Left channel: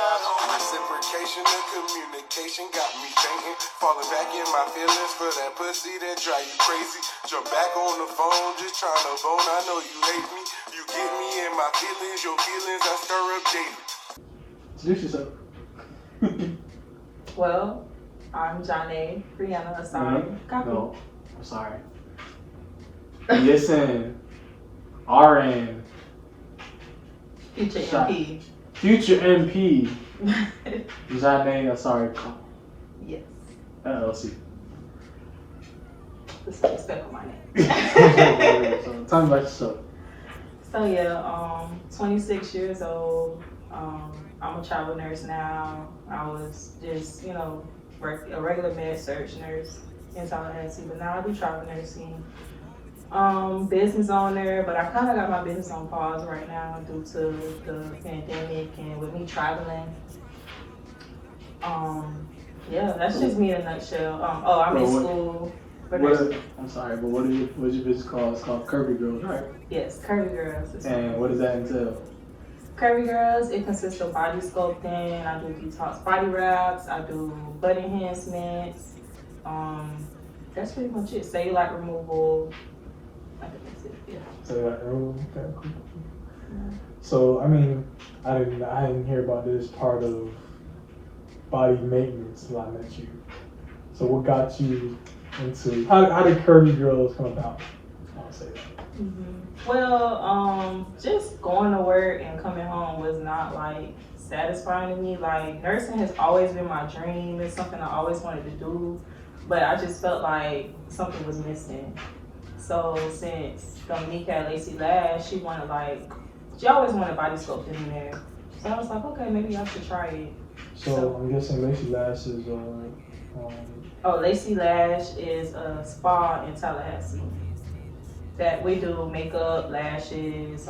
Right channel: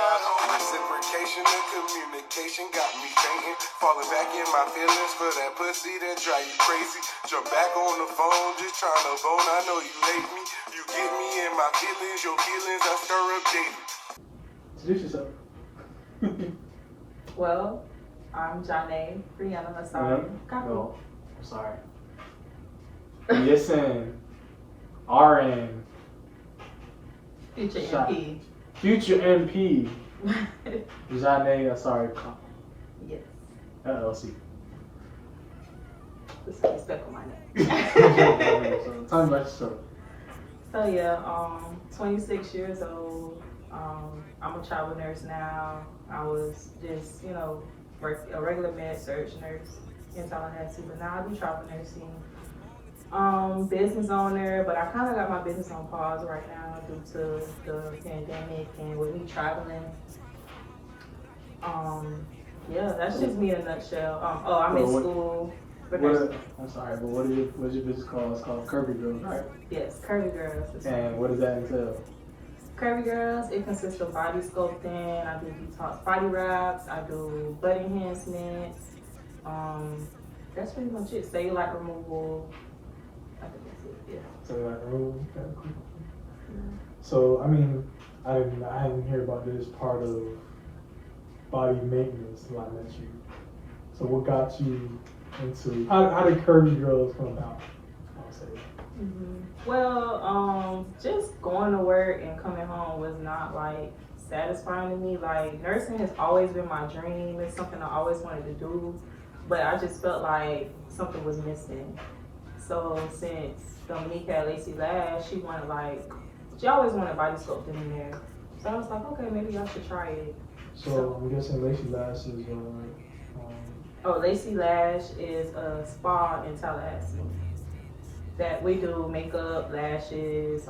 Reciprocation and communication got me fainting. Falling back in my feelings for that pussy that drive you crazy. Jump back on the phone, just trying to bone. I know you hate me. You get me in my feelings. Your feelings I stir up daily. Introduce yourself. Well, I'm Janae Brianna. Sorry. Copy. No, I'm sorry. Listen, RN. Future MP. Future MP. Janae, sorry. Yes. LLC. This is respect on my name. Tell me about yourself. So yeah, 26 years old. I'm a travel nurse now. I was just, a regular med surg nurse in Tallahassee, but now I do travel nursing. Business owner, but I kind of got my business on pause right now due to the pandemic and with me traveling. Yeah, that's just me in a nutshell. I'm in school. I'm sorry, but what's your business called? It's called Curvy Girls, right? Yes, Curvy Girls. And what does that entail? Curvy Girls, it consists of body sculpting. I do detox body wraps. I do butt enhancements. That's pretty much it. Cellulite removal. I think that's it. Yeah. Cellulite removal. Okay, cool. Yeah. So I mean, I didn't hear about this part of body maintenance until I met you. So what got you into how did Curvy Girls come about? I'll say that. Well, just going to work and coming home was not satisfying to me. Nursing has always been my dream. It's something I always wanted to do, but I just felt like something was missing. So since Dominique had Lacy Lash, she always wanted body sculpting in there. So I was like, okay, maybe I should try it. So I'm guessing Lacy Lash is Lacy Lash is a spa in Tallahassee that we do makeup, lashes.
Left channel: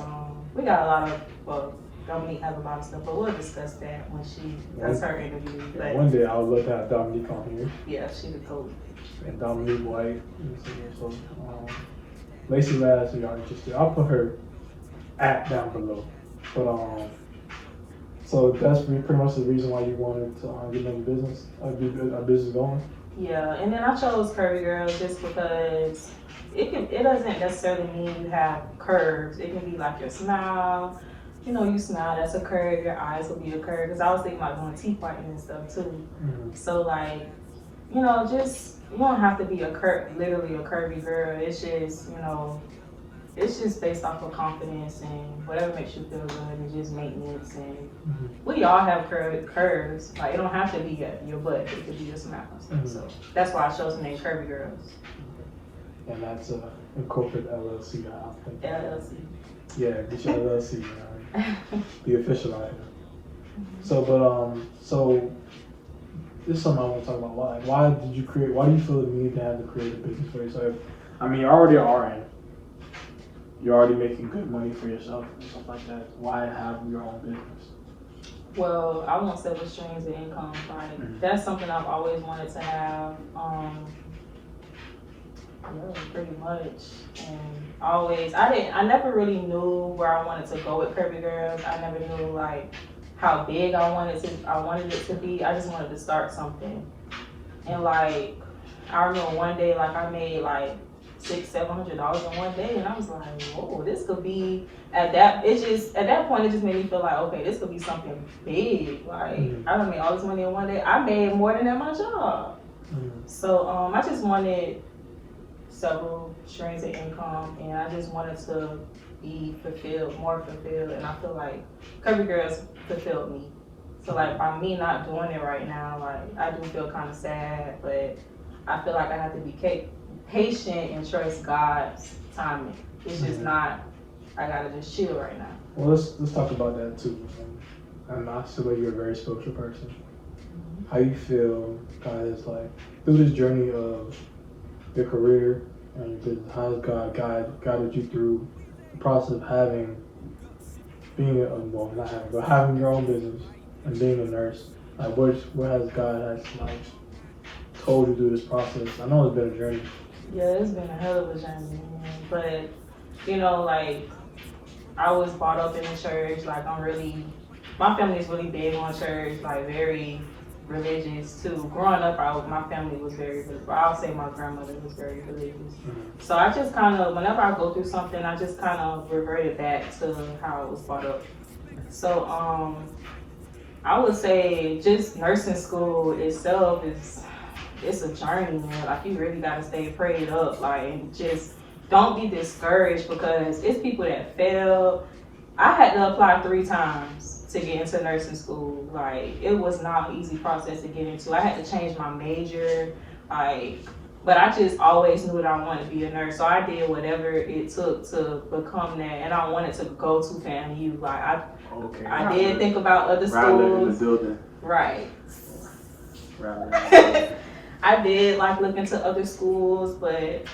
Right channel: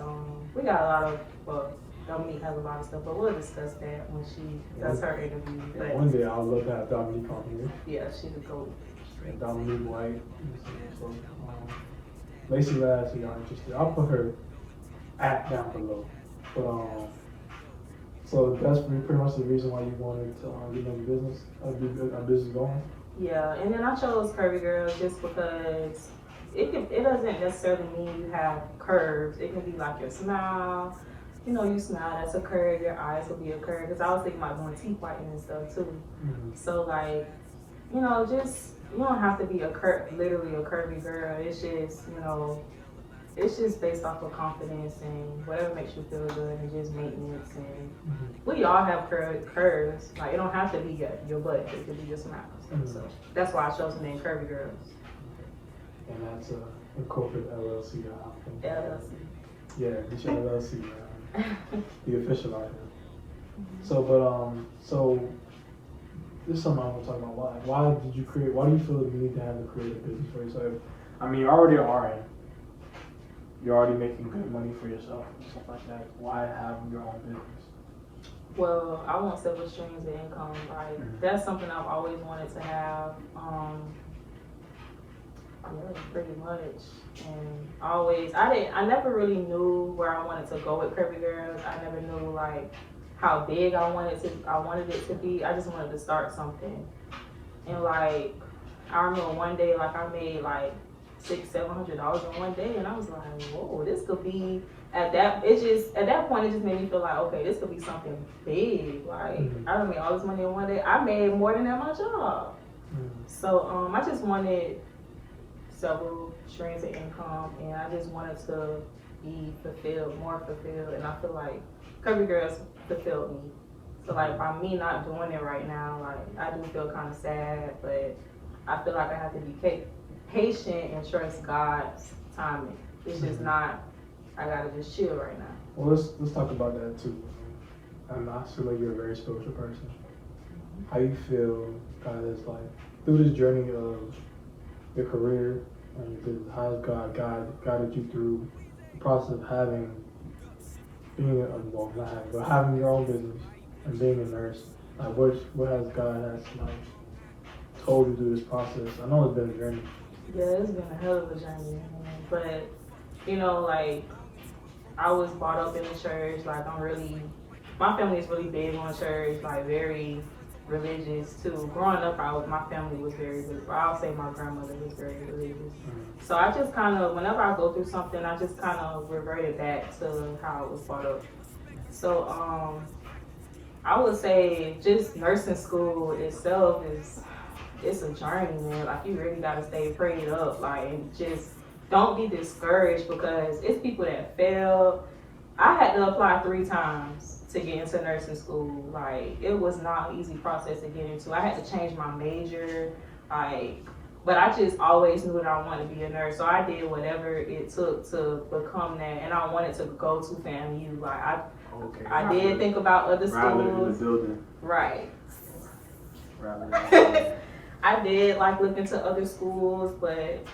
We got a lot of, Dominique has a lot of stuff, but we'll discuss that when she does her interview. But one day I would love to have Dominique on here. Yeah, she's a goat. And Dominique White. So, Lacy Lash, if y'all interested, I'll put her app down below. But so that's pretty much the reason why you wanted to get into business, a business going. Yeah, and then I chose Curvy Girls just because it doesn't necessarily mean you have curves. It can be like your smile. You smile, that's a curve. Your eyes will be a curve. Because I was thinking about doing teeth whitening and stuff too. Mm-hmm. So just you don't have to be literally a curvy girl. It's just it's just based off of confidence and whatever makes you feel good and just maintenance. And we all have curves. It don't have to be your butt. It could be your smile. So that's why I chose the name Curvy Girls. And that's a corporate LLC. I think. LLC. Yeah, get your LLC. Be official on it. So this is something I want to talk about. Why do you feel the need to have to create a business for yourself? I mean, you're already RN. You're already making good money for yourself and stuff like that. Why have your own business? Well, I want several streams of income. That's something I've always wanted to have. Pretty much. And I never really knew where I wanted to go with Curvy Girls. I never knew how big I wanted it to be. I just wanted to start something. And I remember one day I made $600-$700 in one day, and I was like, whoa, this could be at that point it just made me feel like, okay, this could be something big. I don't make all this money in one day. I made more than at my job. So I just wanted several streams of income, and I just wanted to be more fulfilled, and I feel like Curvy Girls fulfilled me. So by me not doing it right now, I do feel kind of sad, but I feel like I have to be patient and trust God's timing. It's just not, I gotta just chill right now. Well, let's talk about that too. I feel like you're a very spiritual person. How you feel God is through this journey of your career, and how has God guided you through the process of having your own business and being a nurse? What has God told you through this process? I know it's been a journey. Yeah, it's been a hell of a journey, but I was brought up in the church. I'm really my family's really big on church, like very religious too. Growing up, my family was very religious. I would say my grandmother was very religious. So I just kind of, whenever I go through something, I just kind of reverted back to how it was brought up. So I would say just nursing school itself it's a journey, man. Like you really gotta stay prayed up, like and just don't be discouraged because it's people that fail. I had to apply 3 times to get into nursing school. Like it was not an easy process to get into. I had to change my major, but I just always knew that I wanted to be a nurse. So I did whatever it took to become that, and I wanted to go to FAMU. Like I did think about other schools. Right. I did like look into other schools, but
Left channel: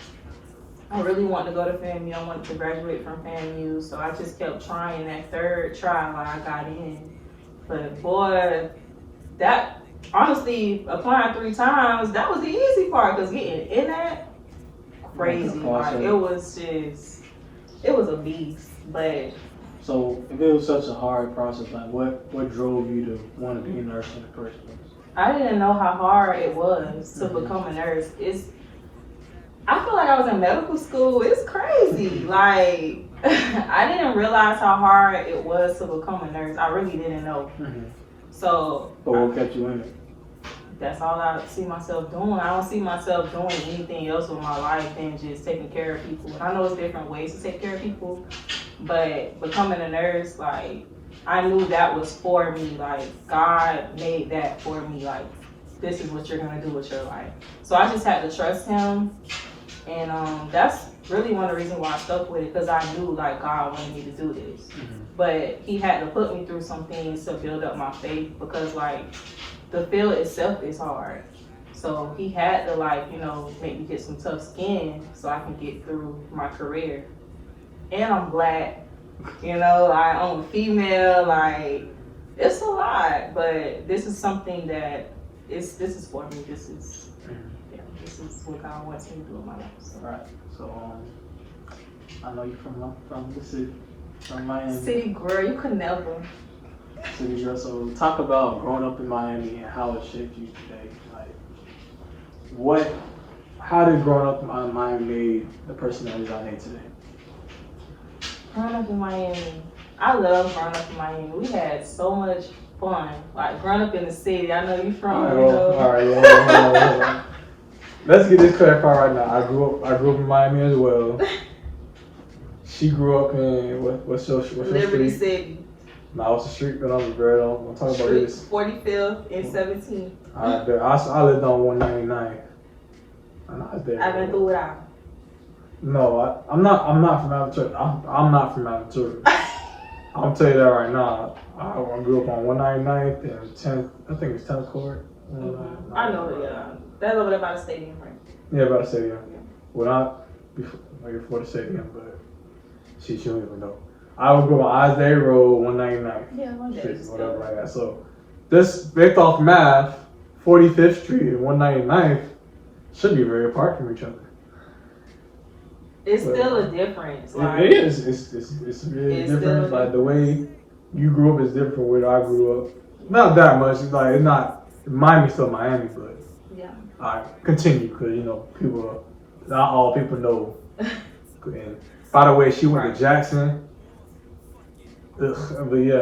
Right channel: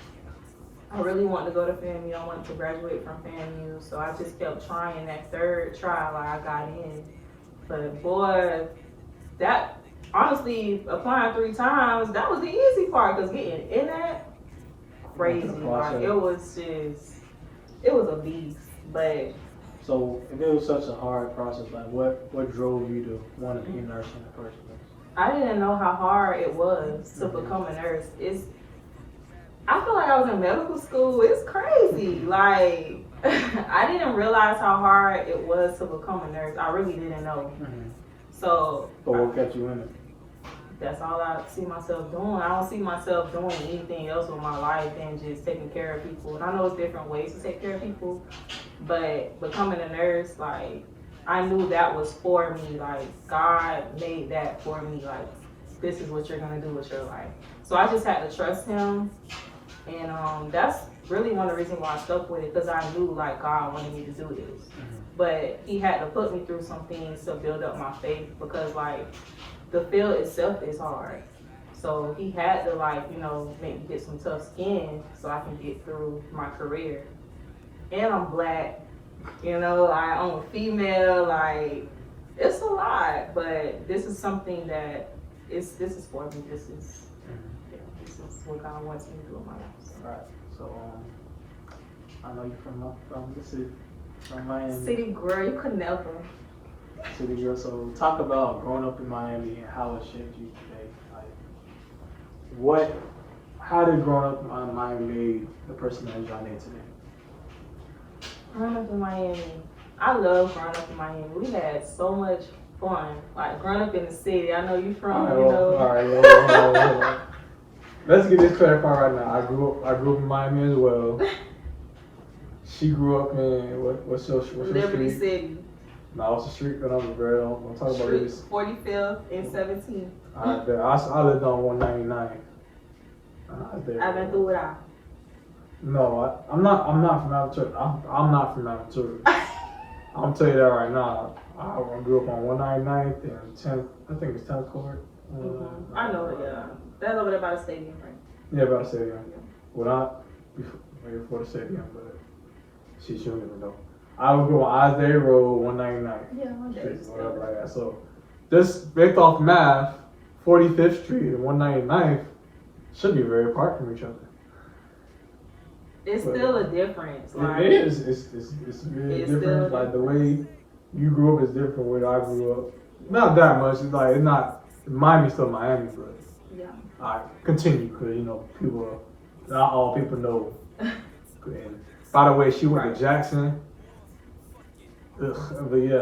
I really wanted to go to FAMU. I wanted to graduate from FAMU, so I just kept trying. That 3rd trial I got in, but boy, that honestly applying 3 times, that was the easy part. Cause getting in that crazy, like it was a beast. But so if it was such a hard process, like what drove you to want to be a nurse in the first place? I didn't know how hard it was to become a nurse. I feel like I was in medical school. It's crazy. Like, I didn't realize how hard it was to become a nurse. I really didn't know. So. But what kept you in it? That's all I see myself doing. I don't see myself doing anything else with my life than just taking care of people. And I know it's different ways to take care of people, but becoming a nurse, like, I knew that was for me. Like, God made that for me. Like, this is what you're gonna do with your life. So I just had to trust Him. And that's really one of the reasons why I stuck with it, because I knew like God wanted me to do this. But He had to put me through some things to build up my faith, because like the field itself is hard. So He had to like, make me get some tough skin so I can get through my career. And I'm Black, I'm a female, like it's a lot, but this is something that this is for me. This is what God wants me to do in my life. So. Right. So I know you're from the city, from Miami. City girl, you could never. City girl. So talk about growing up in Miami and how it shaped you today. Like, how did growing up in Miami made the person that you are today? Growing up in Miami, I love growing up in Miami. We had so much fun. Like growing up in the city. I know you from, All right, yeah. Let's get this clarified right now. I grew up in Miami as well. She grew up in what's your Liberty street? City. No, what's the street that I'm girl? I'm talking about this. 45th and 17th. I lived on 199. I've been through it all. No, I'm not from Aventura. I'm not from Aventura. I'll tell you that right now. I grew up on 199th and 10th. I think it's 10th Court. I know it. Yeah. That's over there by the stadium, right? Yeah, by the stadium. Well, not before the stadium, but she don't even know. I would go on Isdale Road, 199. Yeah, one day. Whatever I got. So, this based off math, 45th Street and 199th should be very apart from each other. It's still a difference. Like, it is. It's really different. Like the way you grew up is different from where I grew up. Not that much. It's like it's not. Miami's still Miami, but yeah. I continue because people. Not all people know. And by the way, she went to Jackson. But yeah.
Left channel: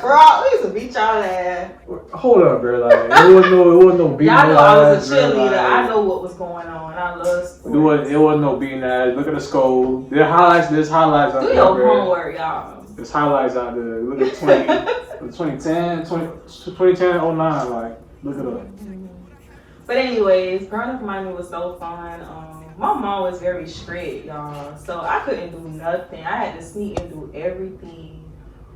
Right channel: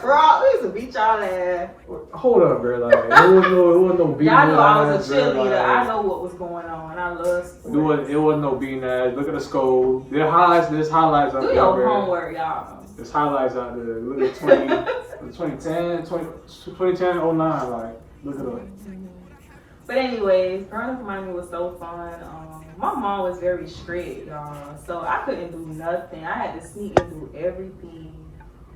Crap, we used to beat y'all ass. Hold up, bro. Like it wasn't no beating. Y'all know I was a ass, cheerleader. like, I know what was going on. I love sports. It wasn't no beating ass. Look at the score. There's highlights out there. Do your homework, y'all. There's highlights out there. Look at 2010, 09. Like, look at them. But anyways, growing up in Miami was so fun. My mom was very strict, y'all. So I couldn't do nothing. I had to sneak and do everything.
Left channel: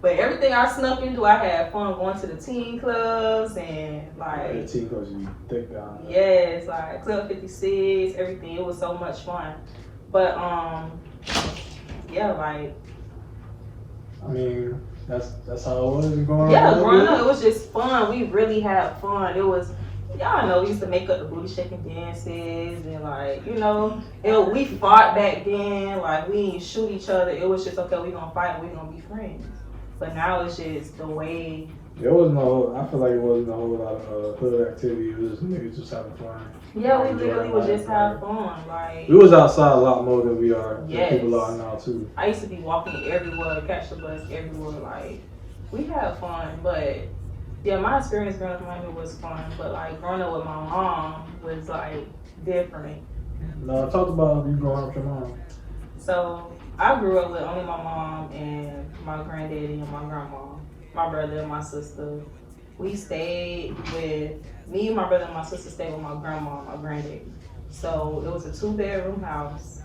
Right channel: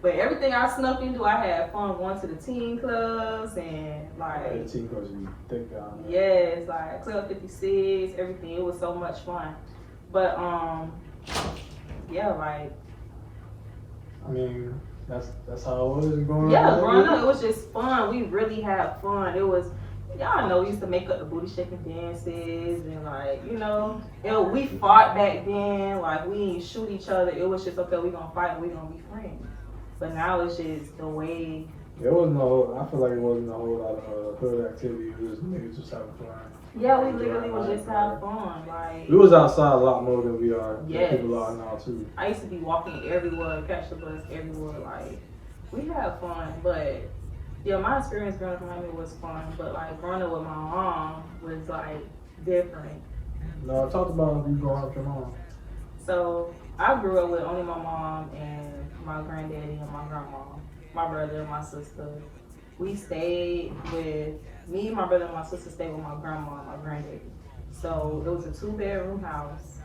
But everything I snuck into, I had fun going to the teen clubs and like. The teen clubs be thick down. Yes, like Club 56, everything. It was so much fun. But yeah, like. I mean, that's how it was growing up. Yeah, growing up, it was just fun. We really had fun. It was. Y'all know we used to make up the booty shaking dances and like, we fought back then. Like we didn't shoot each other. It was just okay. We gonna fight. We gonna be friends. But now it's just the way. There was no, I feel like it wasn't a whole lot of hood activity. It was niggas just having fun. Yeah, we Enjoying literally would life, just have like, fun. Like, we was outside a lot more than we are. yes. Than people are now too. I used to be walking everywhere, catch the bus everywhere. Like, we had fun, but yeah, my experience growing up in Miami was fun. But like growing up with my mom was like different. No, talk about you growing up with your mom. So I grew up with only my mom and my granddaddy and my grandma, my brother and my sister. We stayed with me and my brother and my sister stayed with my grandma and my granddaddy. So it was a 2 bedroom house.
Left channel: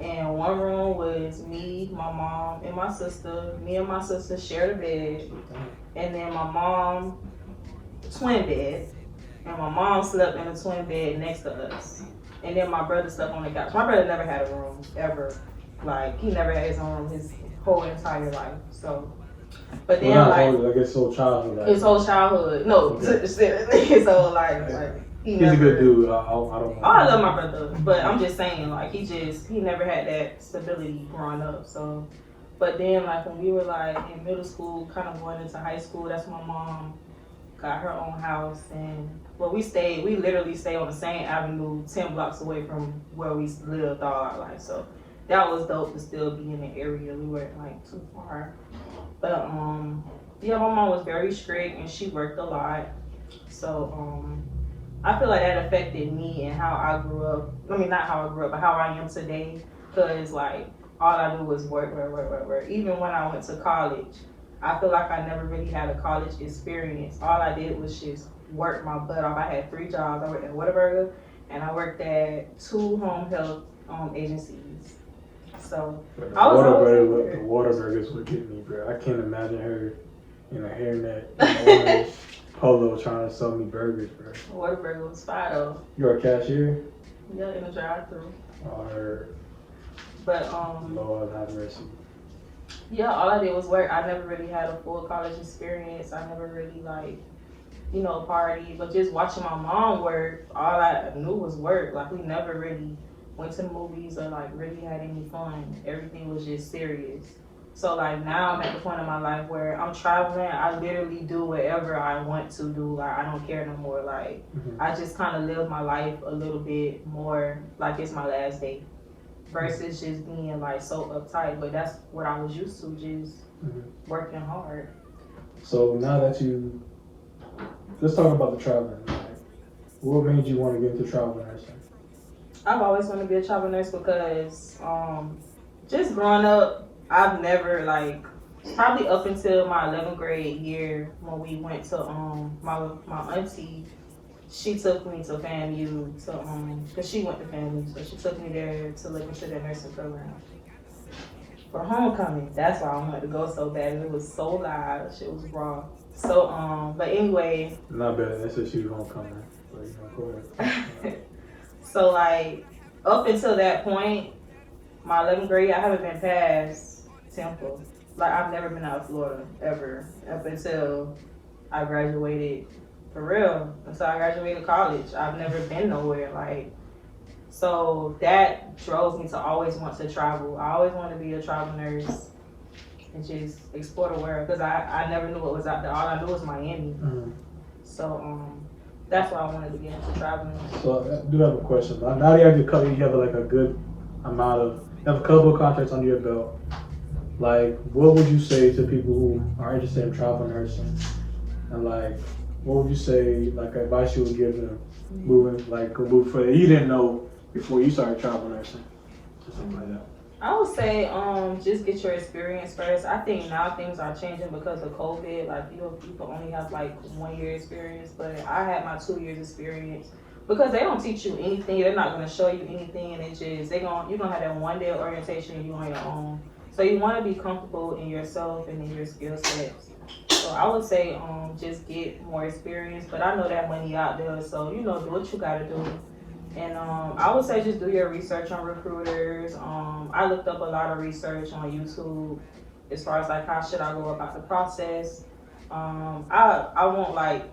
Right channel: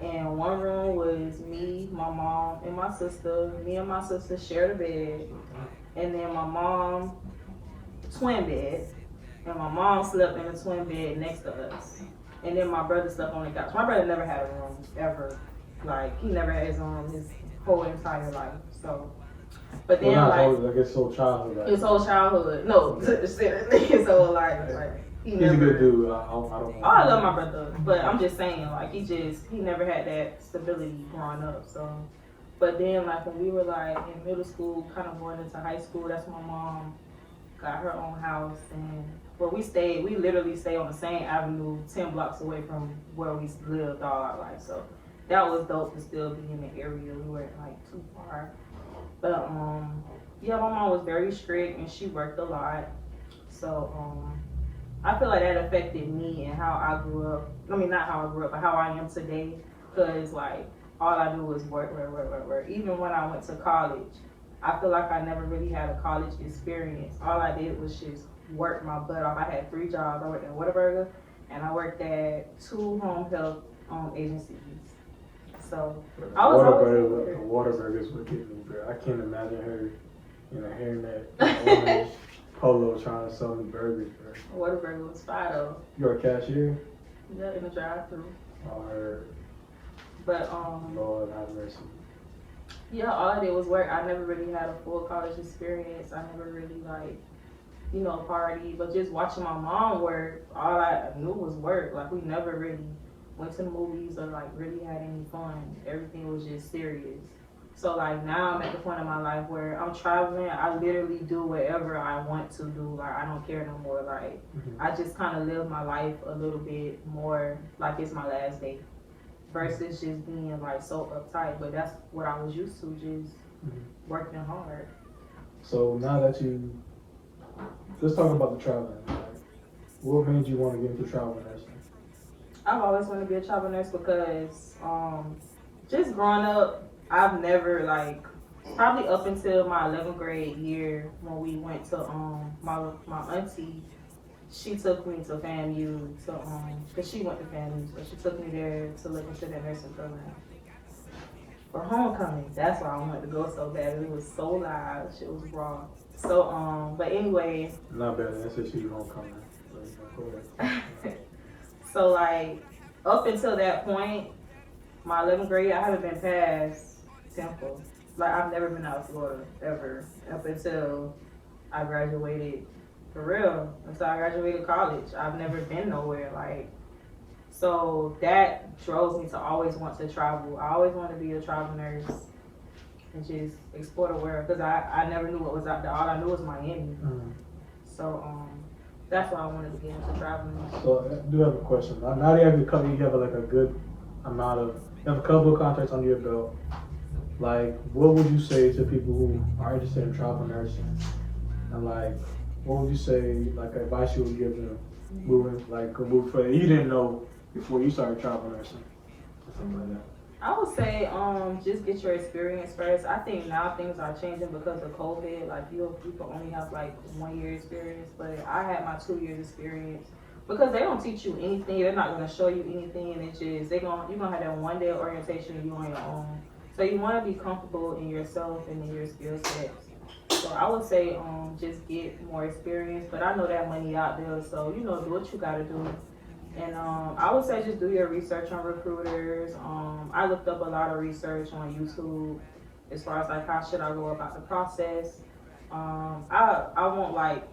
And one room was me, my mom, and my sister. Me and my sister shared a bed. And then my mom, twin bed. And my mom slept in a twin bed next to us. And then my brother slept on the couch. My brother never had a room, ever. Like, he never had his own his whole entire life. So, but then, like his whole childhood. His whole childhood. No, Okay. his whole life. Like, he's a good dude. I don't Oh, I love my brother, but I'm just saying, like, he never had that stability growing up. So, but then, like, when we were like in middle school, kind of going into high school, that's when my mom got her own house, and well, we literally stayed on the same avenue, 10 blocks away from where we lived all our life. So that was dope to still be in the area. We weren't like too far, but yeah, my mom was very strict and she worked a lot. So I feel like that affected me and how I grew up. I mean, not how I grew up, but how I am today. Cause like all I do was work. Even when I went to college, I feel like I never really had a college experience. All I did was just work my butt off. I had 3 jobs. I worked at Whataburger and I worked at 2 home health agencies. So I was Whataburgers would get me, bro. I can't imagine her in a hairnet. Polo trying to sell me burgers, bro. Whataburger was fire though. You're a cashier? Yeah, in the drive-thru. I heard. But Lord have mercy. yeah, all I did was work. I never really had a full college experience. I never really like, party. But just watching my mom work, all I knew was work. Like we never really went to movies or like really had any fun. Everything was just serious. So like now I'm at the point in my life where I'm traveling. I literally do whatever I want to do. Like I don't care no more. Like I just kind of live my life a little bit more like it's my last day, versus just being like so uptight. But that's what I was used to, just working hard. So now that let's talk about the traveling. Like, what made you want to get into travel nursing? I've always wanted to be a travel nurse because just growing up, I've never probably up until my 11th grade year when we went to my auntie, she took me to FAMU to cause she went to FAMU, so she took me there to look into that nursing program for homecoming. That's why I wanted to go so bad. It was so loud, shit was raw. So but anyway. Not bad. That's just you homecoming. So like up until that point, my 11th grade, I haven't been past Temple. Like I've never been out of Florida ever up until I graduated for real. Until I graduated college, I've never been nowhere. Like so that drove me to always want to travel. I always wanted to be a travel nurse and just explore the world because I never knew what was out there. All I knew was Miami. So that's why I wanted to get into traveling. So I do have a question. Now that you have like a good amount of, you have a couple of contracts under your belt. Like, what would you say to people who are interested in travel nursing? And like, what would you say, like, advice you would give them move further? You didn't know before you started travel nursing, or something like that. I would say, just get your experience first. I think now things are changing because of COVID. Like, you can only have like 1 year experience, but I had my 2 years experience because they don't teach you anything. They're not going to show you anything, and you're gonna have that 1 day orientation and you on your own. So you want to be comfortable in yourself and in your skill sets. So I would say just get more experience, but I know that money out there, so do what you gotta do. And I would say just do your research on recruiters. I looked up a lot of research on YouTube as far as like how should I go about the process. I won't like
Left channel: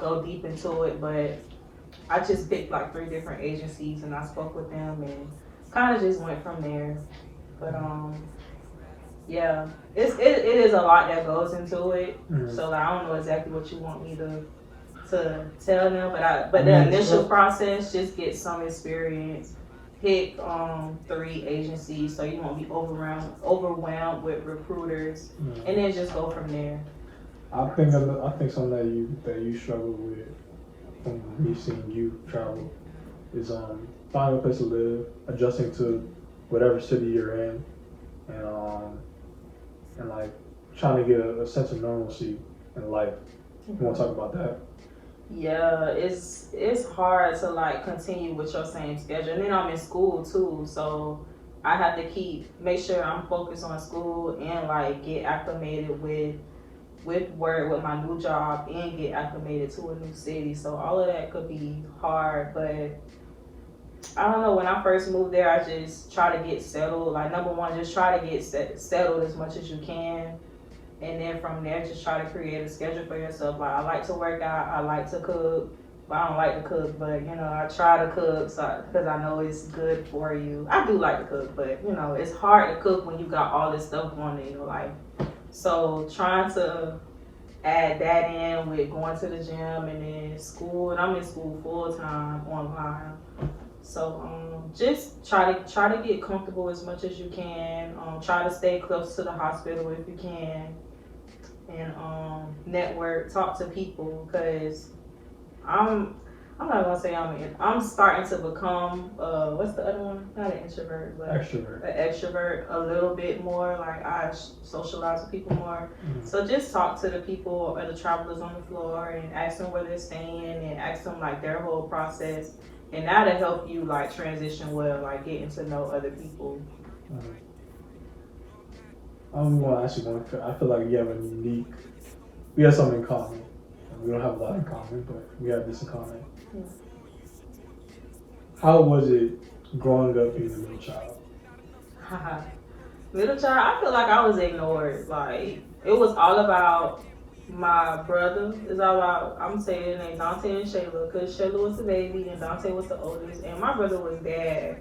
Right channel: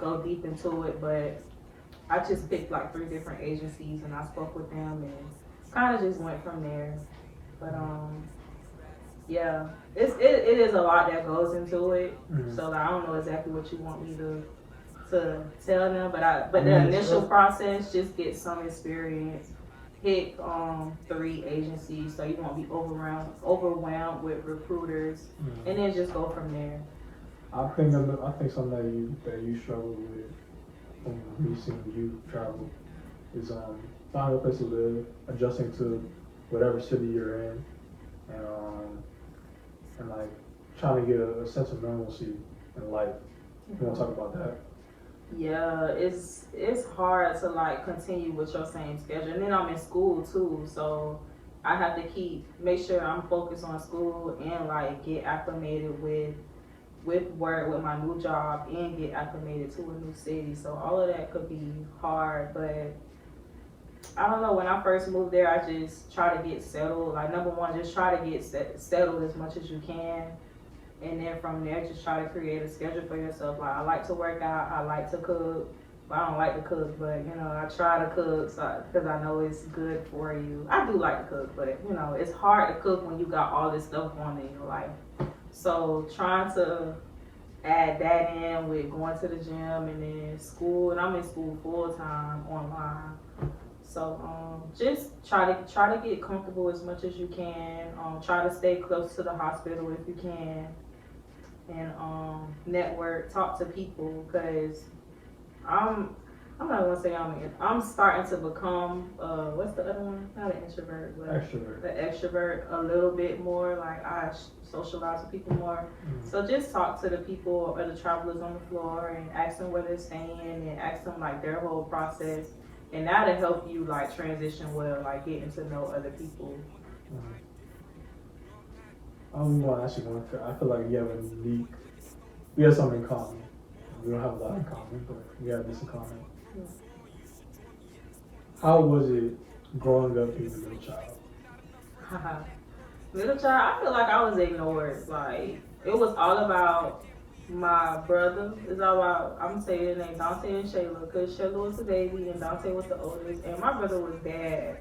go deep into it, but I just picked like 3 different agencies and I spoke with them and kind of just went from there. But Yeah, it is a lot that goes into it. Mm. So like, I don't know exactly what you want me to tell them, I but the mean, initial process, just get some experience. Pick 3 agencies so you won't be overwhelmed with recruiters, and then just go from there. I think something that you struggle with from me seeing you travel is finding a place to live, adjusting to whatever city you're in, and like trying to get a sense of normalcy in life. You want to talk about that? Yeah, it's hard to like continue with your same schedule, and then I'm in school too, so I have to make sure I'm focused on school and like get acclimated with work with my new job and get acclimated to a new city. So all of that could be hard, but I don't know. When I first moved there, I just try to get settled. Like number one, just try to get settled as much as you can, and then from there, just try to create a schedule for yourself. Like I like to work out, I like to cook. But I don't like to cook, but I try to cook because I know it's good for you. I do like to cook, but it's hard to cook when you got all this stuff on in your life. So trying to add that in with going to the gym and then school, and I'm in school full time online. So just try to get comfortable as much as you can. Try to stay close to the hospital if you can, and network, talk to people, because I'm I'm not gonna say I'm starting to become what's the other one? Not an introvert, but Extrovert. an extrovert a little bit more. Like I socialize with people more. So just talk to the people or the travelers on the floor and ask them where they're staying and ask them like their whole process. And that'll help you like transition well, like getting to know other people. Well, actually, I feel like you have a unique. We have something in common. We don't have a lot in common, but we have this in common. How was it growing up being a middle child? Middle child, I feel like I was ignored. Like it was all about my brother. It's all about I'm saying their name Dante and Shayla because Shayla was the baby and Dante was the oldest, and my brother was bad.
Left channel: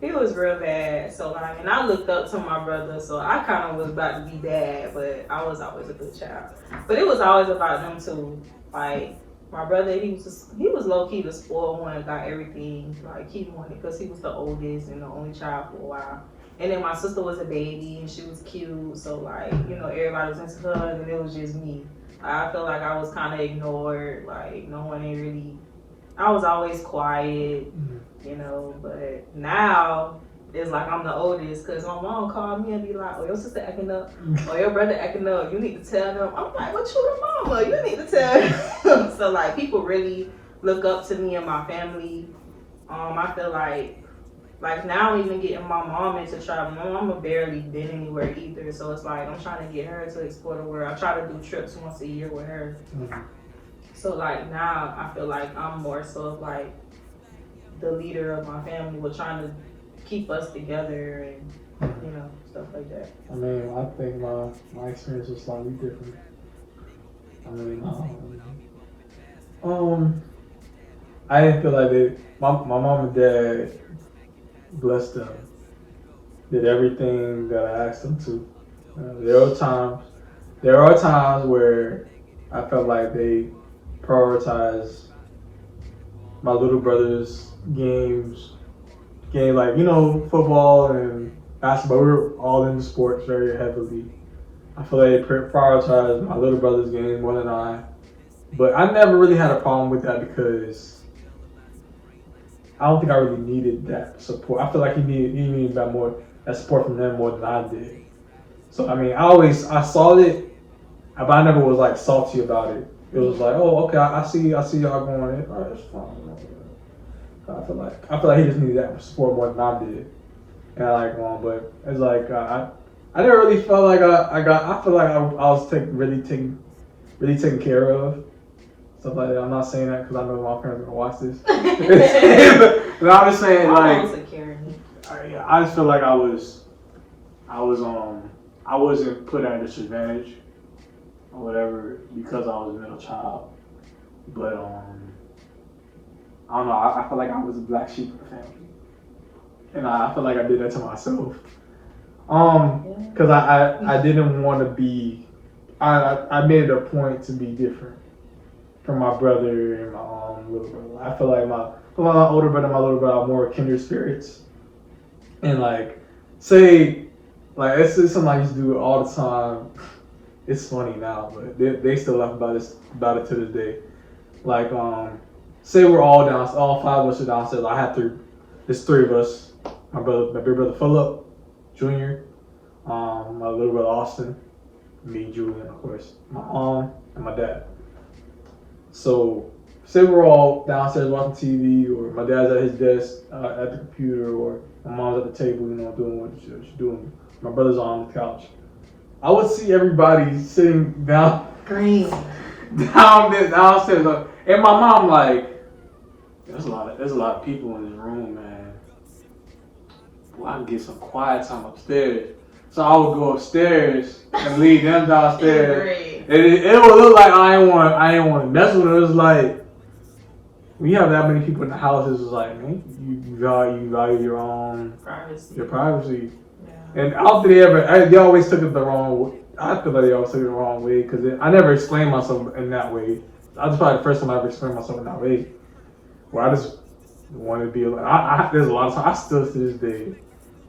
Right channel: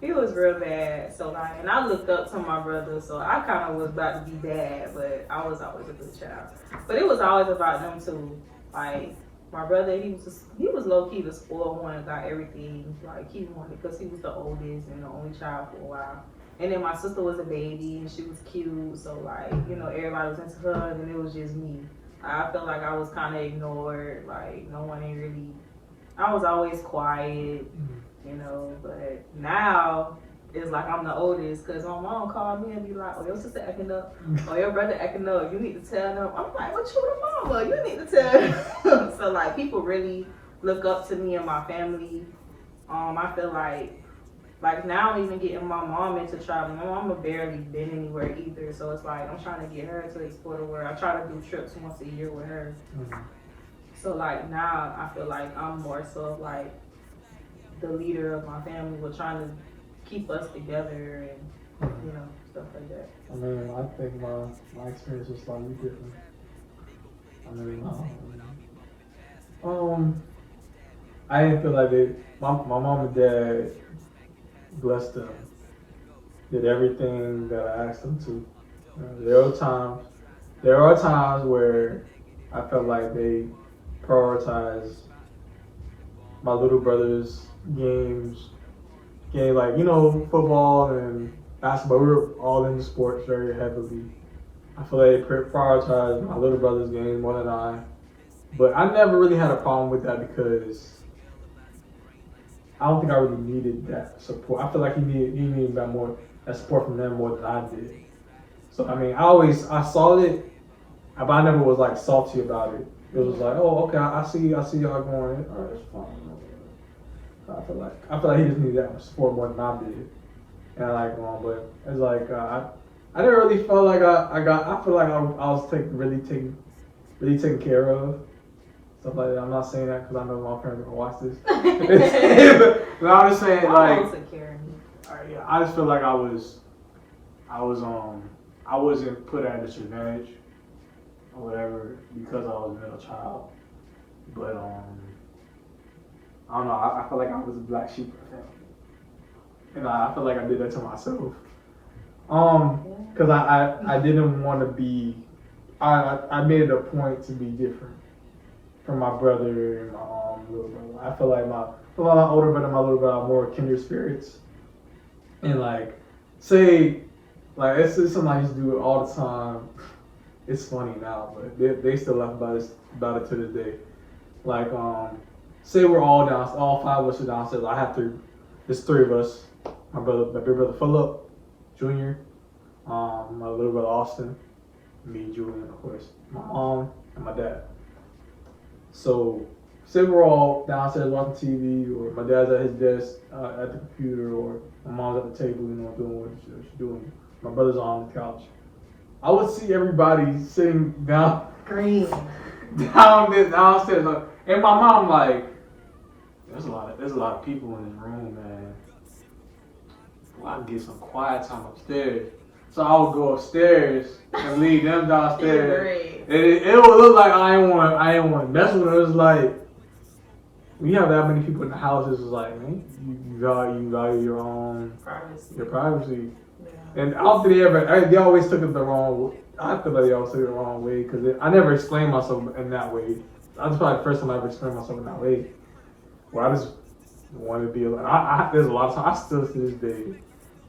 He was real bad. So like, and I looked up to my brother, so I kind of was about to be bad, but I was always a good child. But it was always about them too. Like my brother, he was low key the spoiled one, got everything like he wanted because he was the oldest and the only child for a while. And then my sister was a baby and she was cute, so like everybody was into her, and it was just me. I feel like I was kind of ignored. Like no one ain't really. I was always quiet, But now it's like I'm the oldest because my mom called me and be like, "Oh, your sister acting up, or your brother acting up. You need to tell them." I'm like, "What you the mama? You need to tell them." So like people really look up to me and my family. I feel like now I'm even getting my mom into traveling. My mama barely been anywhere either, so it's like I'm trying to get her to explore the world. I try to do trips once a year with her. So like now I feel like I'm more so of like the leader of my family. We're trying to keep us together and stuff like that. I mean, I think my experience was slightly different. I mean, I didn't feel like my mom and dad, blessed them, did everything that I asked them to. There are times where I felt like they prioritized my little brother's game like football and basketball. We were all into sports very heavily. I feel like they prioritized my little brother's game more than I. But I never really had a problem with that because I don't think I really needed that support. I feel like he needed that support from them more than I did. So I mean, I saw it, but I never was like salty about it. It was like, oh, okay, I see y'all going. All right, it's fine. I feel like he just needed that support more than I did, and I like one. But it's like I never really felt like I feel like I was really taken care of. Stuff like that. I'm not saying that because I know my parents are gonna watch this. But I'm just saying I just feel like I wasn't put at a disadvantage or whatever because I was a middle child. But I don't know. I feel like I was a black sheep of the family, and I feel like I did that to myself. Cause I didn't want to be. I made it a point to be different from my brother and my little brother. I feel like my older brother and my little brother are more kindred spirits, and like say like it's something I used to do all the time. It's funny now, but they still laugh about it to this day. Like say we're all down, all five of us are downstairs. I have to. There's three of us. My big brother Philip, Junior, my little brother Austin, me, Julian, of course, my mom and my dad. So say we're all downstairs watching TV, or my dad's at his desk at the computer, or my mom's at the table, doing what she's doing. My brother's on the couch. I would see everybody sitting down, Green. downstairs, and my mom like, there's a lot of people in this room, man. Well, I can get some quiet time upstairs. So I would go upstairs and leave them downstairs. And it would look like I ain't want to mess with them. It was like, when you have that many people in the house, it's just like, you value your own privacy. Your privacy. Yeah. And after they always took it the wrong way. I feel like they always took it the wrong way because I never explained myself in that way. I was probably the first time I ever explained myself in that way. Where I just wanted to be like, there's a lot of times, I still to this day.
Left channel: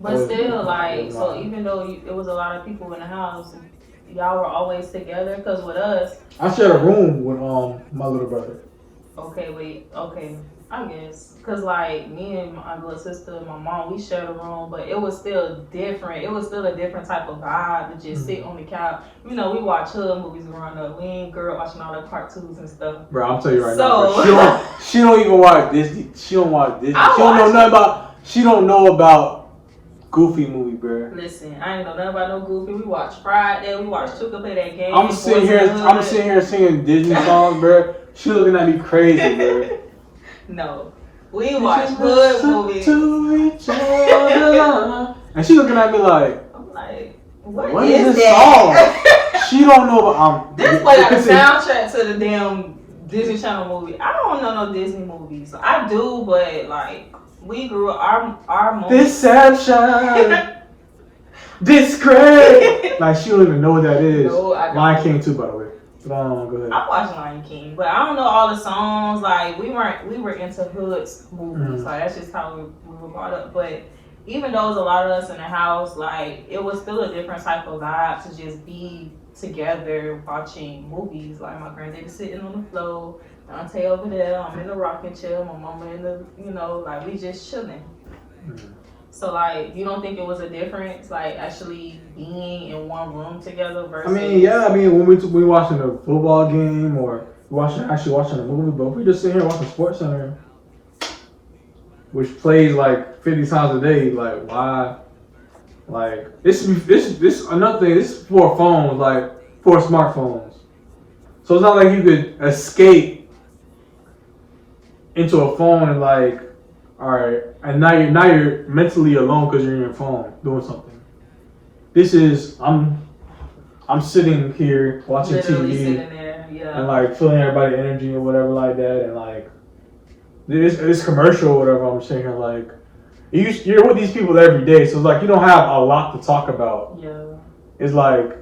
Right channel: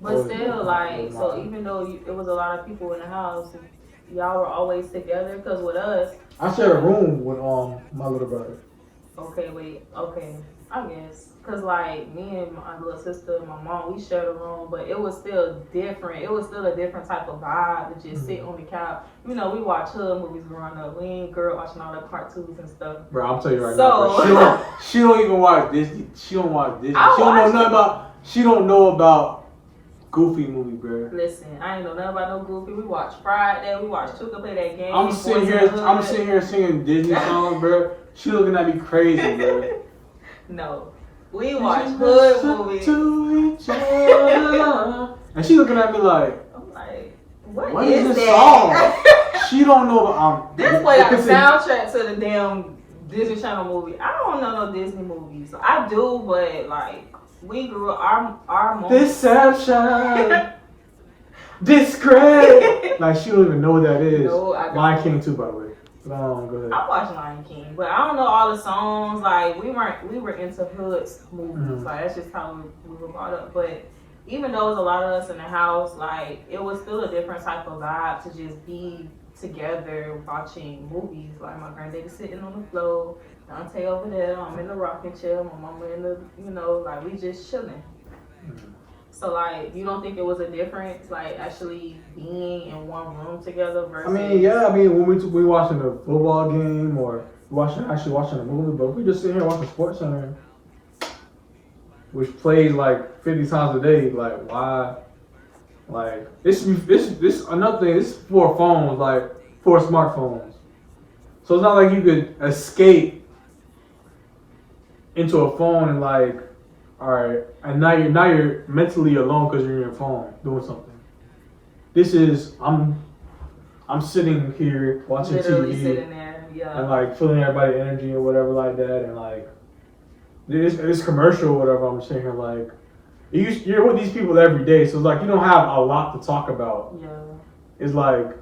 But still, like, so even though it was a lot of people in the house, y'all were always together. Cause with us, I shared a room with my little brother. Okay, I guess. Cause like me and my little sister, my mom, we shared a room, but it was still different. It was still a different type of vibe to just sit on the couch. We watch hood movies growing up. We ain't girl watching all the cartoons and stuff. Bro, I'm telling you right now, she don't even watch Disney. She don't watch Disney. She don't know about Goofy movie, bro. Listen, I ain't know nothing about no Goofy. We watched Friday. We watched Chuka play that game. I'm sitting here singing Disney songs, bro. She looking at me crazy, bro. No, we watched hood movies. To each other. And she looking at me like, I'm like, what is this that? song? She don't know about This play like the soundtrack to the damn Disney Channel movie. I don't know no Disney movies. I do, but like. We grew up, our moment. Deception. Disgrace. Like, she don't even know what that is. No, I don't. Lion King too, by the way. Go ahead. I watched Lion King, but I don't know all the songs. Like, we were into hood movies. Like, that's just how we were brought up. But even though it was a lot of us in the house, like, it was still a different type of vibe to just be together watching movies. Like, my granddaddy sitting on the floor. Dante over there, I'm in the rocking chair, my mama in the, like we just chilling. So like, you don't think it was a difference, like actually being in one room together versus? When we watching a football game or watching a movie, but if we just sit here watching SportsCenter, which plays like 50 times a day, like why? Like this another thing. This is for phones, like for smartphones. So it's not like you could escape into a phone and like, all right, and now you're mentally alone because you're in your phone doing something. This is I'm sitting here watching literally TV sitting there, and like feeling everybody's energy and whatever like that, and like this commercial or whatever. I'm sitting here like you're with these people every day, so it's like you don't have a lot to talk about. Yeah. It's like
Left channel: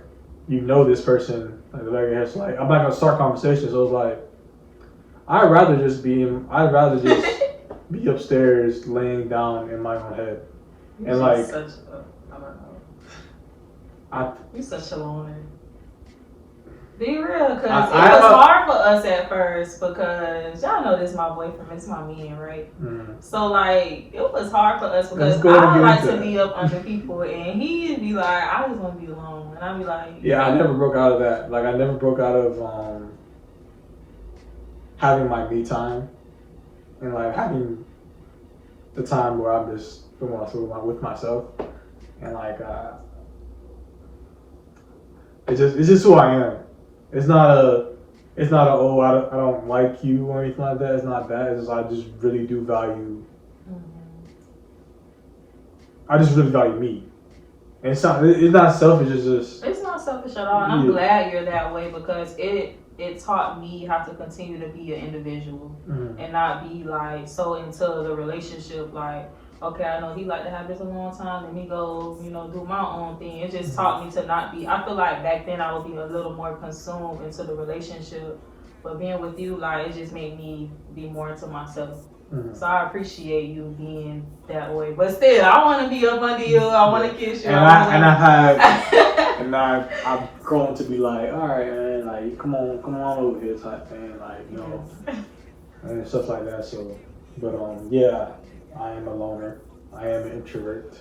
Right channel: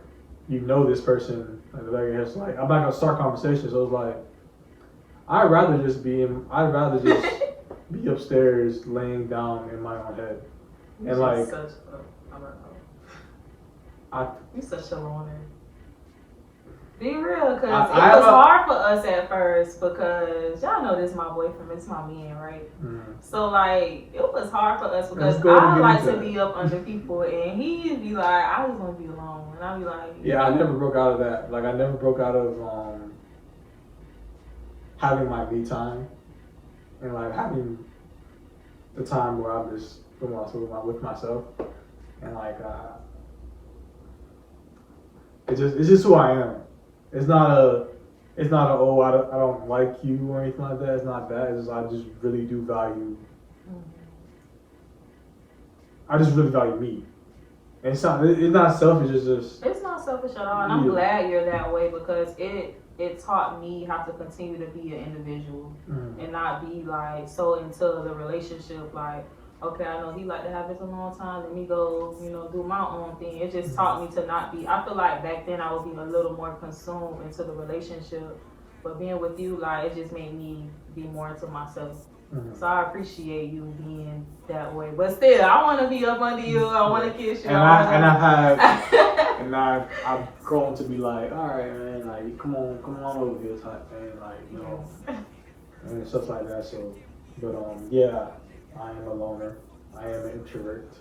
this person like I'm not gonna start conversations, so it's like. I'd rather just be upstairs laying down in my own head. You're and like such you're such a loner. Be real, cause it was hard for us at first because y'all know this is my boyfriend, it's my man, right? So like it was hard for us because I like to be up under people and he'd be like, I just want to be alone, and I'd be like, yeah, I never broke out of that. Like I never broke out of having my me time and like having the time where I'm just with myself and like it's just who I am. It's not a oh I don't like you or anything like that. It's not that. It's just I just really do value. I just really value me. And it's not selfish. It's not selfish at all. And I'm glad you're that way because it taught me how to continue to be an individual and not be like so into the relationship like, okay, I know he like to have this a long time. Let me go, do my own thing. It just taught me to not be. I feel like back then I would be a little more consumed into the relationship, but being with you, like it just made me be more into myself. Mm-hmm. So I appreciate you being that way. But still, I want to be up under you. I want to kiss you. And I've grown to be like, all right, man, like come on over here type thing, like and stuff like that. So, but yeah, I am a loner. I am an introvert.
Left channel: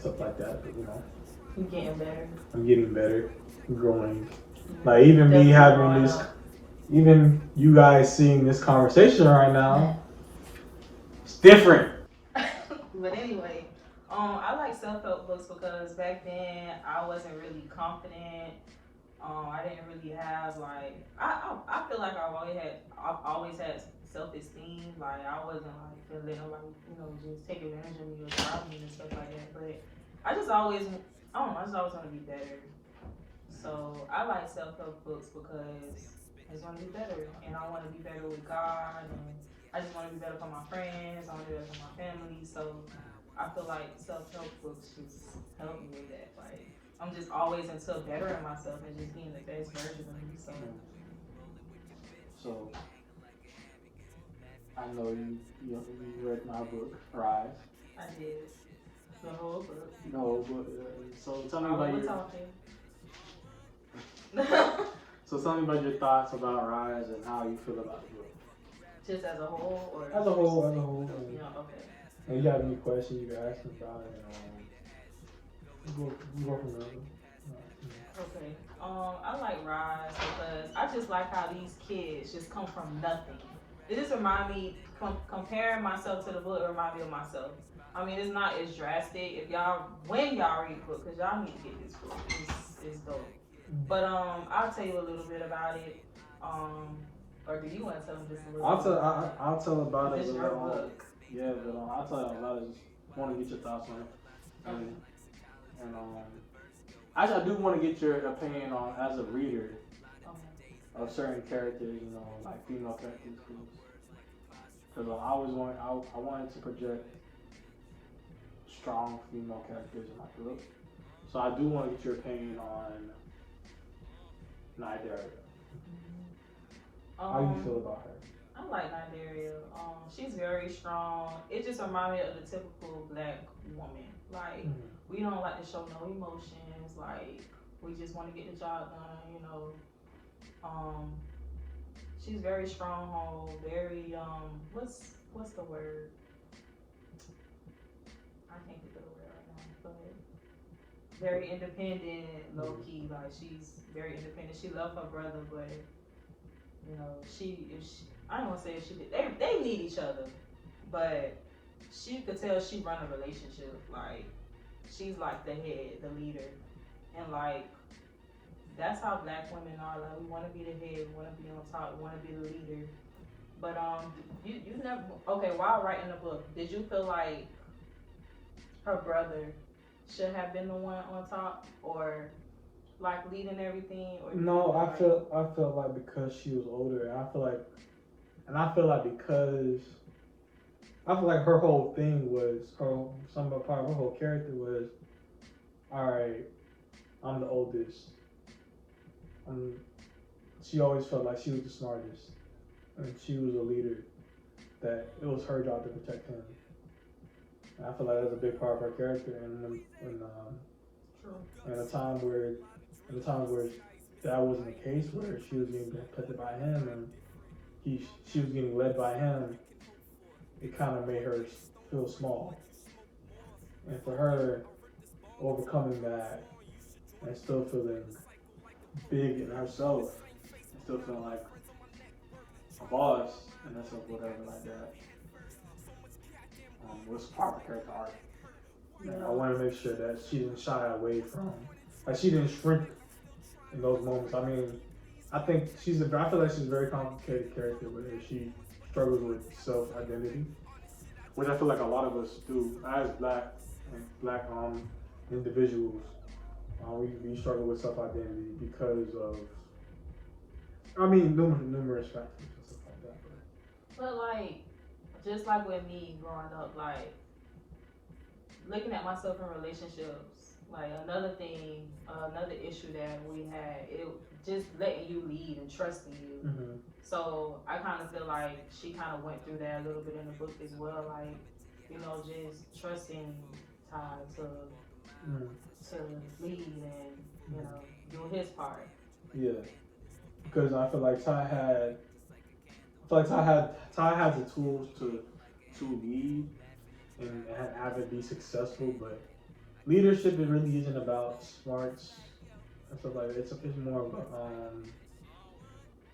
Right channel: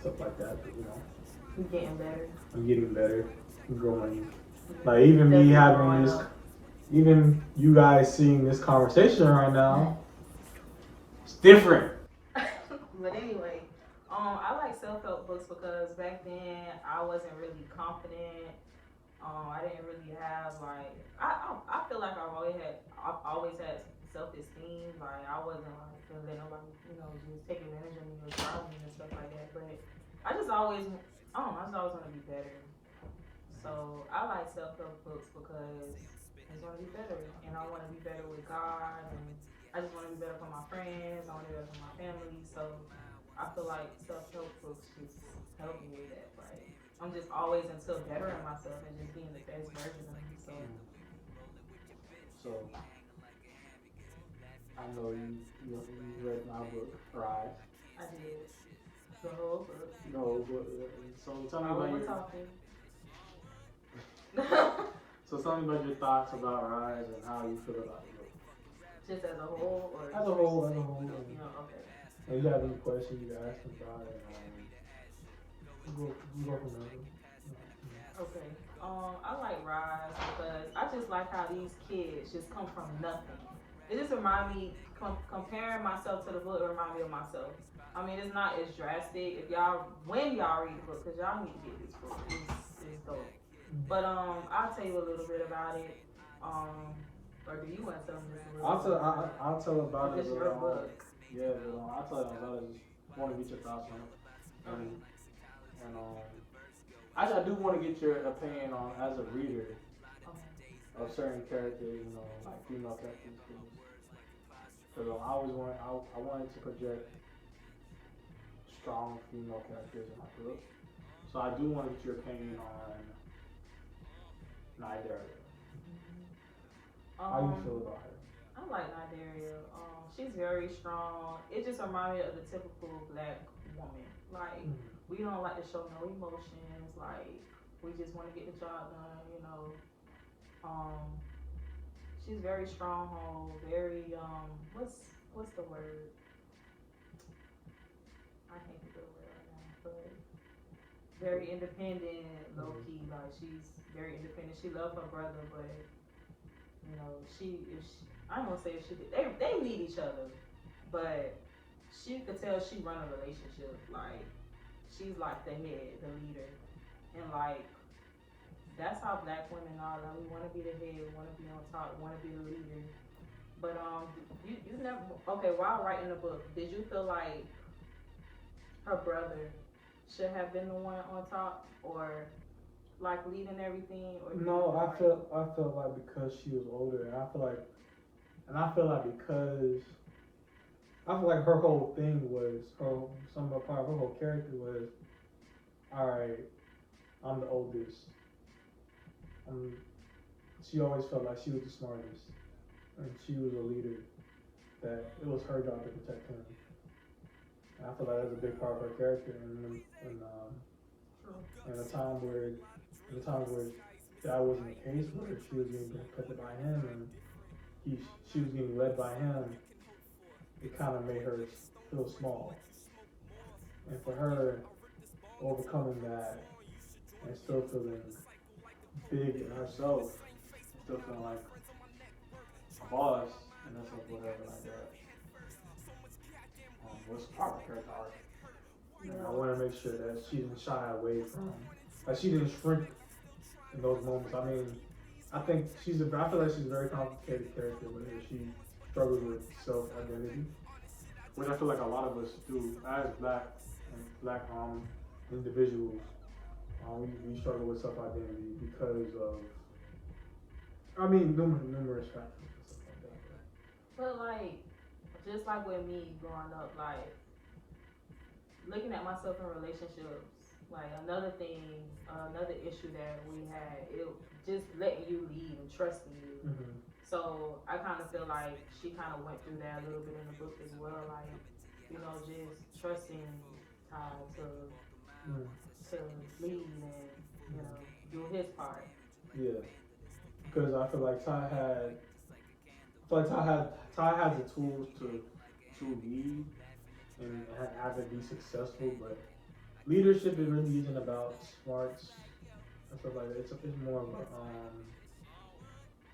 Stuff like that. But You're getting better. I'm getting better. I'm growing. Like even me having this, even you guys seeing this conversation right now, it's different. But anyway, I like self-help books because back then I wasn't really confident. I didn't really have like I feel like I've always had self-esteem. Like I wasn't like feeling nobody just take advantage of me or drive me and stuff like that. But I just always I don't know. I just always want to be better. So I like self-help books because I just want to be better, and I want to be better with God, and I just want to be better for my friends. I want to be better for my family. So I feel like self-help books just help me with that. Like I'm just always into bettering myself and just being the best version of me. So I know you read my book, Rise. I did the whole book. The whole book. Yeah. So tell me about your. So tell me about your thoughts about Rise and how you feel about the book. Just as a whole, or as a whole. Okay. And you have any questions you can ask me about it? Go from there. Okay. I like Rise because I just like how these kids just come from nothing. It just remind me, comparing myself to the book, it remind me of myself. I mean, it's not as drastic. When y'all read the book, because y'all need to get this book. It's dope. But I'll tell you a little bit about it. Or do you want to tell me just a little? I'll tell about it. It's your book. Yeah, but I'll tell you about it. Just want to get your thoughts on it. And actually, I do want to get your opinion on, as a reader, of certain characters, like female characters. Because I wanted to project strong female characters in my book. So I do want to get your opinion on Nidaria. How do you feel about her? I like Nidaria. She's very strong. It just reminds me of the typical black woman. Like, we don't like to show no emotions. Like, we just want to get the job done, She's very stronghold, very, what's the word? I can't think of the word right now, but very independent, low key. Like, she's very independent. She loves her brother, but I don't say if she did, they need each other, but she could tell she run a relationship. Like, she's like the head, the leader, and like that's how black women are. Like, we want to be the head, we want to be on top, we want to be the leader. But you never. Okay, while writing the book, did you feel like her brother should have been the one on top, or like leading everything? Or no, I felt like because she was older, and I feel like her whole thing was part of her whole character was, all right, I'm the oldest. She always felt like she was the smartest, and she was a leader. That it was her job to protect him. And I feel like that was a big part of her character. And in a time where that wasn't the case, where she was being protected by him and she was getting led by him, it kind of made her feel small. And for her, overcoming that and still feeling big in herself, still feeling like a boss, and that's like whatever like that. It was part of her part. And I want to make sure that she didn't shy away from, like she didn't shrink in those moments. I mean, I feel like she's a very complicated character where she struggles with self-identity, which I feel like a lot of us do as black individuals. We struggle with self-identity because of, numerous factors and stuff like that. But like, just like with me growing up, like looking at myself in relationships, like another issue that we had, it just letting you lead and trusting you. Mm-hmm. So I kind of feel like she kind of went through that a little bit in the book as well, like just trusting Ty to lead and do his part. Yeah, because I feel like Ty had the tools to lead and have it be successful, but leadership it really isn't about smarts and stuff like that. It's more of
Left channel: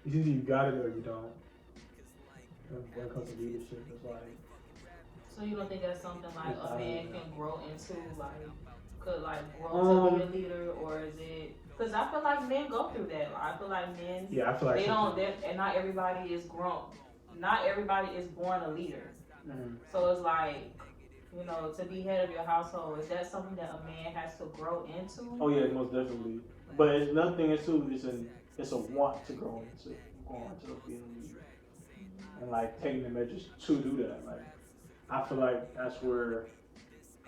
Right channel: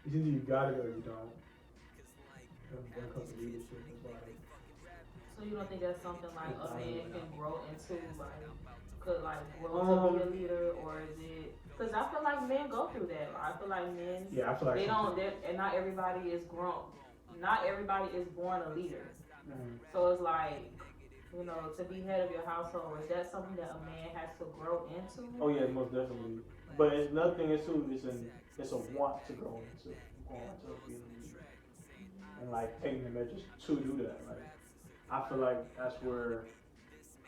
it's either you got it or you don't. When it comes to leadership, it's like So you don't think that's something like it's a man either can grow into, like could like grow to be a leader, or is it? Because I feel like men go through that. Like, I feel like men yeah, I feel like they don't, sometimes. and not everybody is grown. Not everybody is born a leader. Mhm. So it's like to be head of your household, is that something that a man has to grow into? Oh yeah, most definitely. But it's nothing. It's a want to grow into going to being a leader and like taking the measures to do that. Like I feel like that's where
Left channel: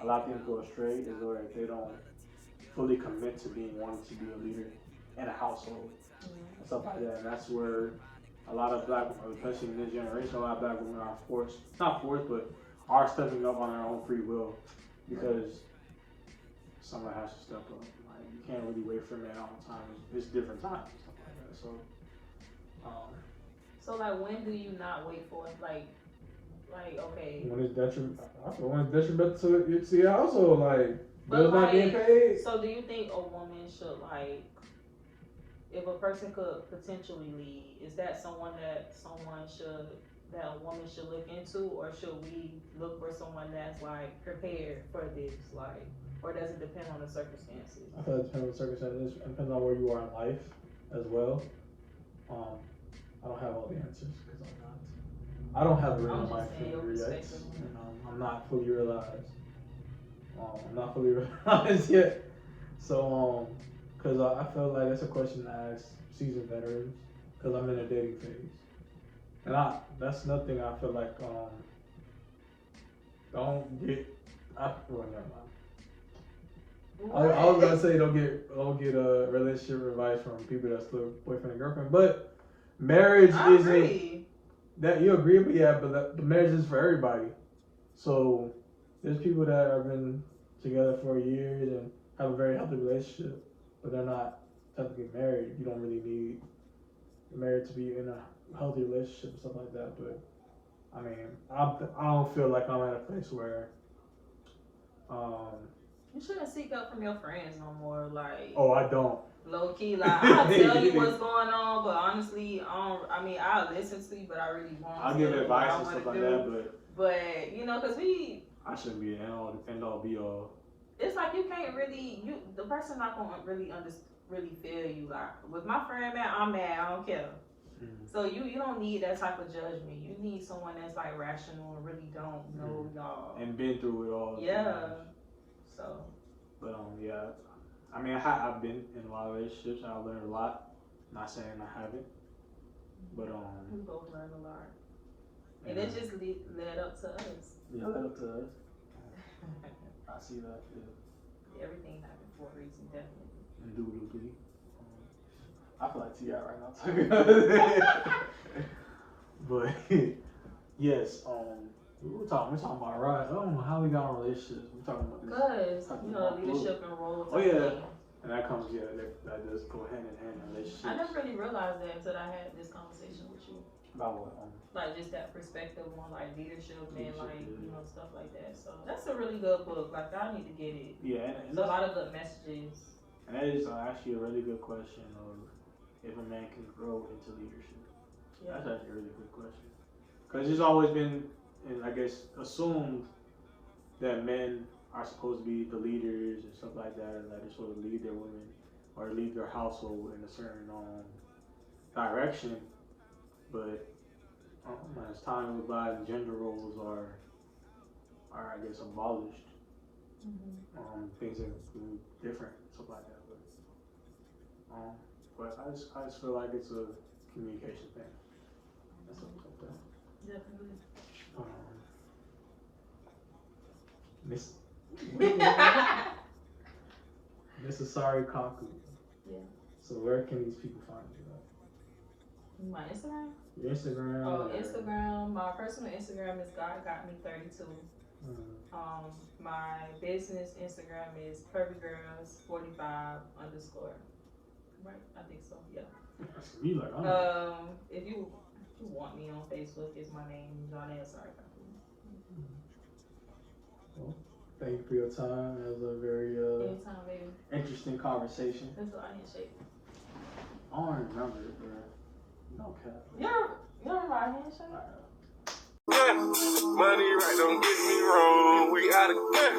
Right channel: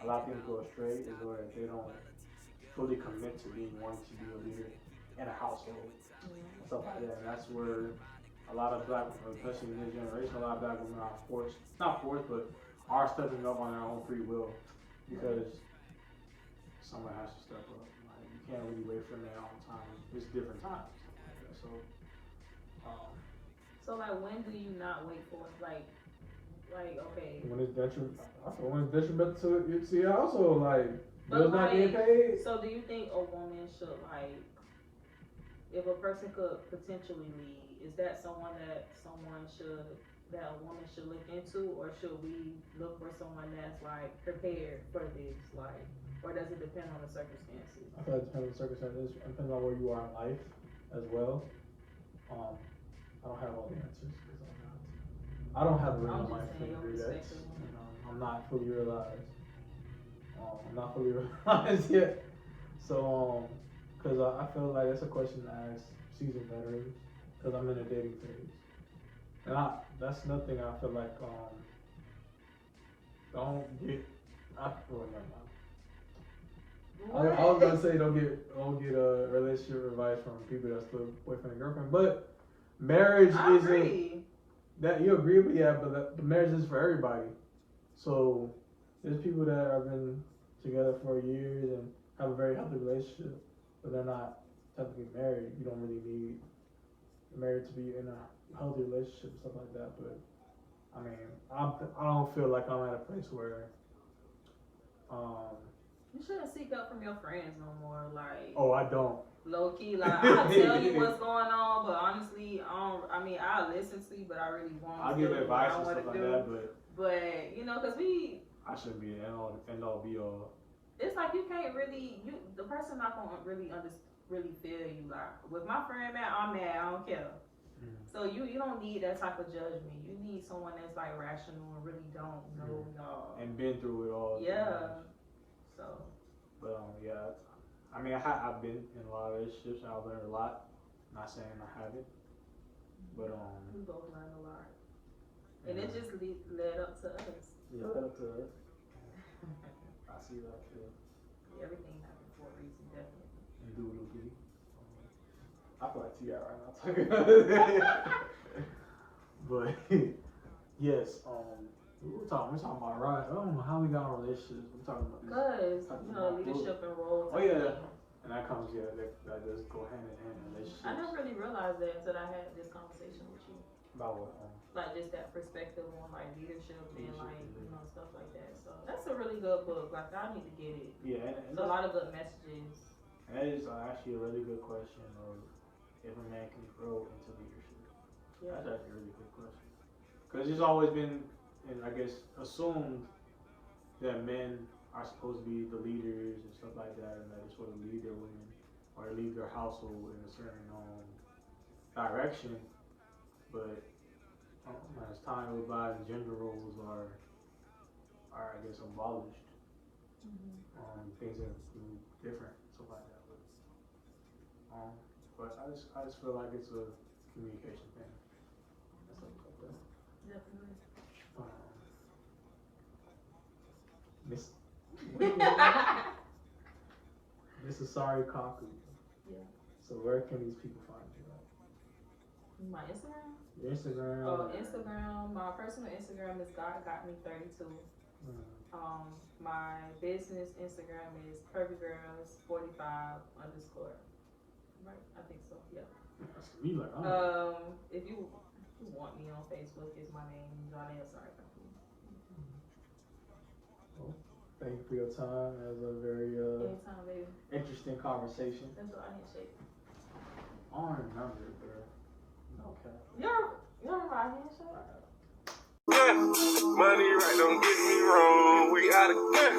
a lot of things go astray is where they don't fully commit to being wanting to be a leader in a household and stuff like that. And that's where a lot of black, especially in this generation, a lot of black women are forced, not forced, but are stepping up on their own free will because someone has to step up. Like you can't really wait for that all the time. It's different times. So, um, So like, when do you not wait for it? Like okay. when it's detriment, when it's detriment to your household, like But bills not getting paid. so do you think a woman should like, if a person could potentially lead, is that that a woman should look into, or should we look for someone that's like prepared for this, like, or does it depend on the circumstances? I feel like it depends on the circumstances. It depends on where you are in life as well. Um, I don't have all the answers because I'm not. I don't have a I'm real just life saying your figure yet. perspective. I'm not fully realized. I'm not fully realized yet. So, because I feel like that's a question to ask seasoned veterans because I'm in a dating phase. And that's nothing I feel like, don't get, well, never mind. I was gonna say don't get a relationship advice from people that's still boyfriend and girlfriend, but marriage isn't that you agree, but yeah, but the marriage is for everybody. So there's people that have been together for years and have a very healthy relationship, but they're not technically married. You don't really need married to be in a healthy relationship and stuff like that. But I mean, I don't feel like I'm at a place where um, You shouldn't seek help from your friends no more. Like, oh, I don't. Low key, like I'll tell you what's going on, but honestly, I don't. I mean, I'll listen to you, but I really won't. I'll give advice and stuff like that, but cause I shouldn't be an end all be all. It's like you can't really, the person not gonna really feel you. Like with my friend, man, I'm mad. I don't care. Mm-hmm. So you don't need that type of judgment. You need someone that's like rational and really don't know y'all and been through it all. Yeah. So. But yeah, I mean I've been in a lot of relationships and I've learned a lot. Not saying I haven't, but we both learned a lot, and it just led up to us. Yeah, led up to us. I see that. Yeah. Everything happened for a reason, definitely. Indubitably. I feel like T.I. right now talking about that. But yes, we're talking about right. I don't know how we got in relationships. We're talking about this. Because leadership and roles. Oh yeah, and that comes that does go hand in hand in relationships. I never really realized that until I had this conversation with you. About what? Like just that perspective on like leadership and like stuff like that. So that's a really good book. Like I need to get it. Yeah, and it's a lot of good messages. And that is actually a really good question of if a man can grow into leadership. Yeah. That's actually a really good question. Because it's always been, I guess, assumed that men are supposed to be the leaders and stuff like that, and that they're supposed to lead their women or lead their household in a certain direction. But as time goes by, gender roles are I guess abolished. Mm-hmm. Things are different, stuff like that. But I just feel like it's a communication thing. That's something like that. Definitely. Miss Sorry Kaku. Yeah. So where can these people find you? My Instagram? Your Instagram? Oh, Instagram. My personal Instagram is God Got Me 32. My business Instagram is perfectgirls45_. Right? I think so. Yeah. You like, if you want me on Facebook, it's my name, Johnny Sorry. Well, thank you for your time. It was a very Anytime, baby. interesting conversation. That's what I handshake. I don't remember it, bro. No cap. You don't remember our handshake? Yeah, money right, don't get me wrong. We out of get.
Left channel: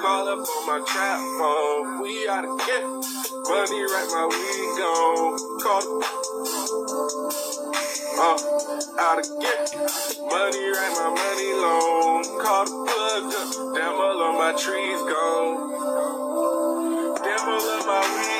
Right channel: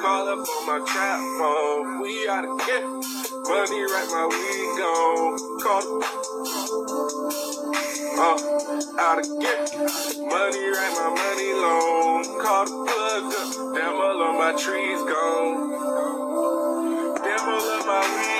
Call up on my trap phone. We out of get. Money right, my weed gone. Call out of get. Money right, my money long. Call the plug up. Damn, all of my trees gone. Damn, all of my weed